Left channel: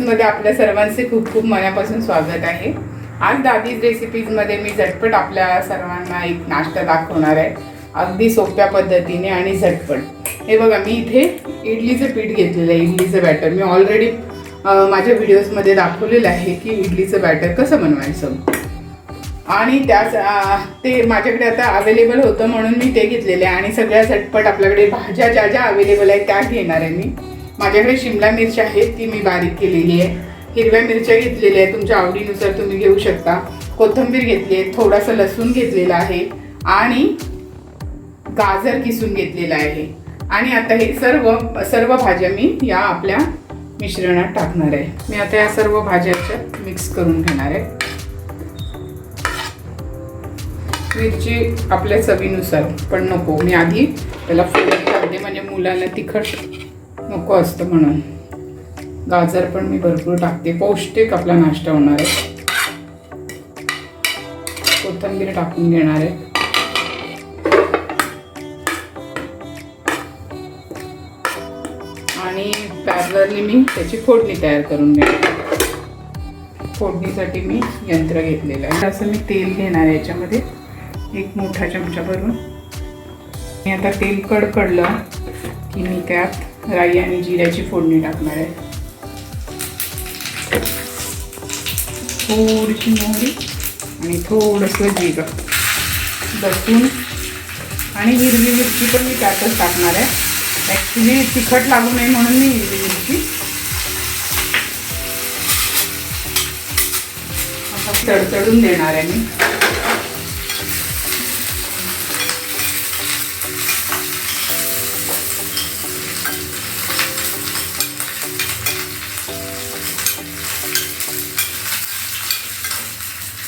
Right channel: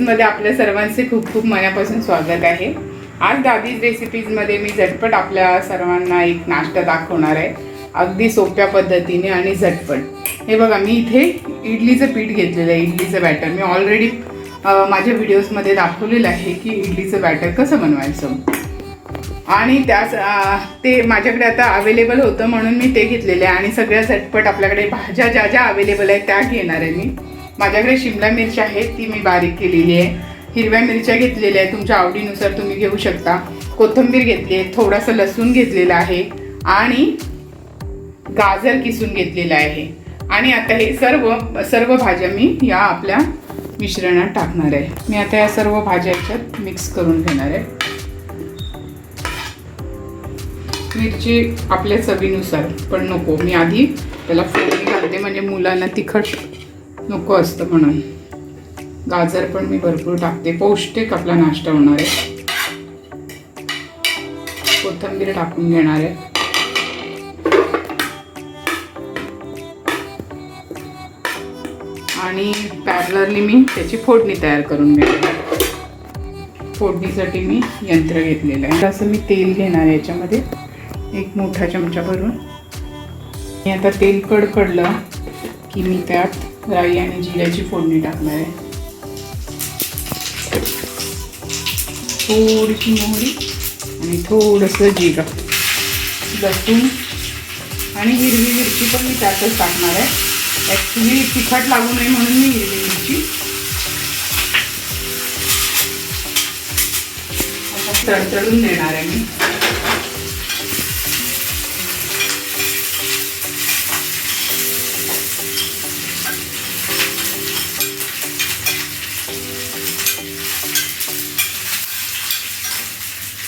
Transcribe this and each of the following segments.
मध्ये आपल्या सर्वांचे खूप खूप मनापासून स्वागत आहे। आज दादीज रेसिपीजमध्ये मी झटपट आपल्या सर्वांना एक नाश्ता दाखवणार आहे, अगदी सोप्या पद्धतीने आणि झटपट। हे बघा, मी इथे इडलीचं पीठ घेतलेलं आहे, इडलीचं बॅटर। मी ऑलरेडी माझ्या व्हिडिओजमध्ये दाखवलेलं आहे की इडलीचं बॅटर कसं बनवायचं, आणि त्याच ते माझ्याकडे आता अवेलेबल होतं म्हणून मी ते घेतलेले आहे। आणि सगळ्या झटपट आपल्याकडे भाज्या ज्या ज्या अवेलेबल आहेत त्या घेणार आहे मी। माझ्याकडे शिमला मिरची आहे, ती मी बारीक केलेली आहे। हिरव्या मिरच्या घेतलेल्या आहेत, तुमच्या आवडीनुसार तुम्ही घेऊ शकता। कोथिंबीर घेतली आहे, थोडासा लसूण घेतलेला आहे आणि गाजर किसून घेतलेला आहे। आणि आता हे सर्व भाज्या मी या आपल्या मिश्रणात टाकणार आहे। मी आता या सर्व भाज्या मिक्स करून घेणार आहे। मिरची आपल्या चवीनुसार, पण नको, मी आधी त्याला फोडणी घालते म्हणजे मुलांना तिखट नको असतं म्हणून। गाजर पण मी भरपूर टाकते, पौष्टिक आपला नाश्ता होणार आहे। कोथिंबीर टाकून घेणार आहे आणि पॅरलरली मी त्याची फोडणी तयार करून घेणार। फोडणीसाठी मी यंत्र घेतलेलं आहे। असं मी तेल घेणार आहे, याच्यामध्ये एक मोठा चमचा भरून। आता तेल कडकडलं की मी त्यात राई आणि जिऱ्याची फोडणी टाकणार आहे। थोडीशी मोहरी आणि थोडंसं जिरं, लसूण आणि हिरवी मिरची पण मी त्यातच टाकणार आहे। ॲक्च्युली तिखट लागू नये म्हणून मी हिरवी मिरची तडतडून देणार आहे मी।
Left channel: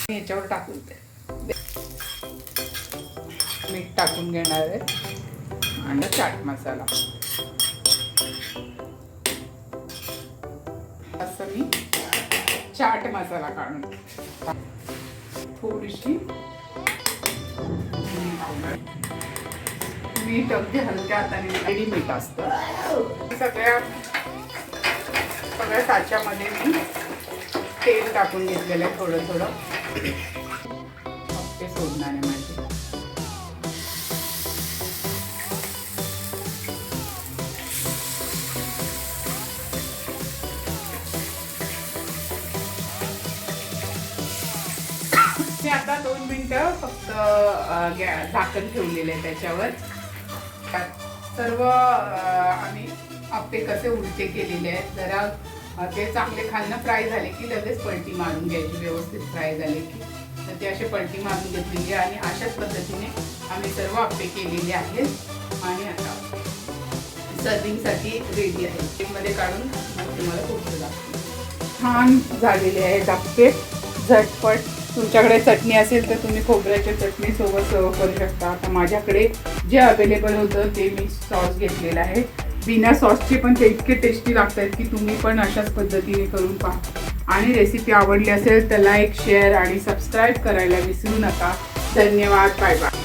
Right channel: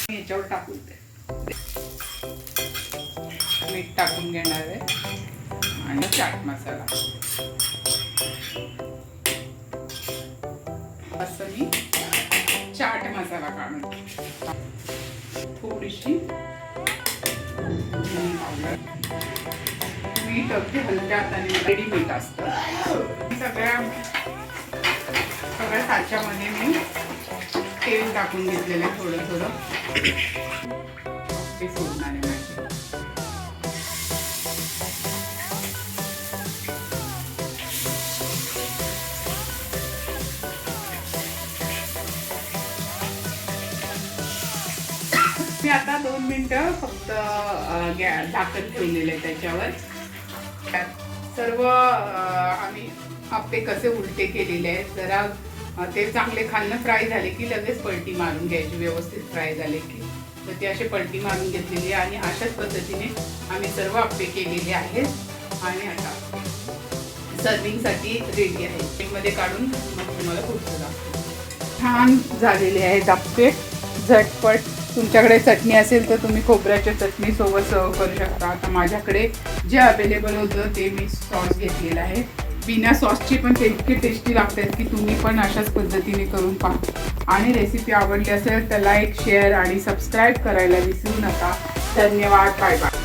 याच्यावर टाकून मीठ टाकून घेणार आहे आणि चाट मसाला। असं मी चाट मसाला काढून थोडीशी मीठ अगदी हलक्या हाताने, रेडी मीठ असतं। सगळ्या साच्यामध्ये मी तेल टाकून घेतलेलं आहे, थोडं थोडं ते सोडणार आहे माझे। मी आता 2 मिनिटं फक्त झाकण ठेवलेलं आहे त्याच्यावर। सर्व आम्ही आप्पे कसे उलटे केलेले आहेत, जरा ते चांगले खालनं फ्राय झाले की लगेच पलटी मारून घ्यायची, व्यवस्थित फ्राय झाले की। तर ते असे पलटी मारून घेतलेली आहे आणि अशाच पद्धतीने आम्ही सर्व आप्पे केलेले आहेत। आणि आता सर्विंगसाठी रेडी आहे, केकमध्ये काढून मग तुम्हाला पुढचं दाखवते। छान झालेले आहेत आप्पे, झटपट। तुमच्याकडे चटणी असेल तर तुम्ही खोबऱ्याच्या चटणीसोबत सर्व करू शकता। आता माझ्याकडे जे अवेलेबल होतं ते मी सॉस घेतलेलं आहे। बिना सॉसचे पण ते इतके टेस्टी लागतात की तुम्ही पण अशाच पद्धतीने करून पहा। आणि रेसिपी आवडली असेल तर लाईक, शेअर आणि सबस्क्राईब करायला विसरू नका। धन्यवाद, बाय बाय।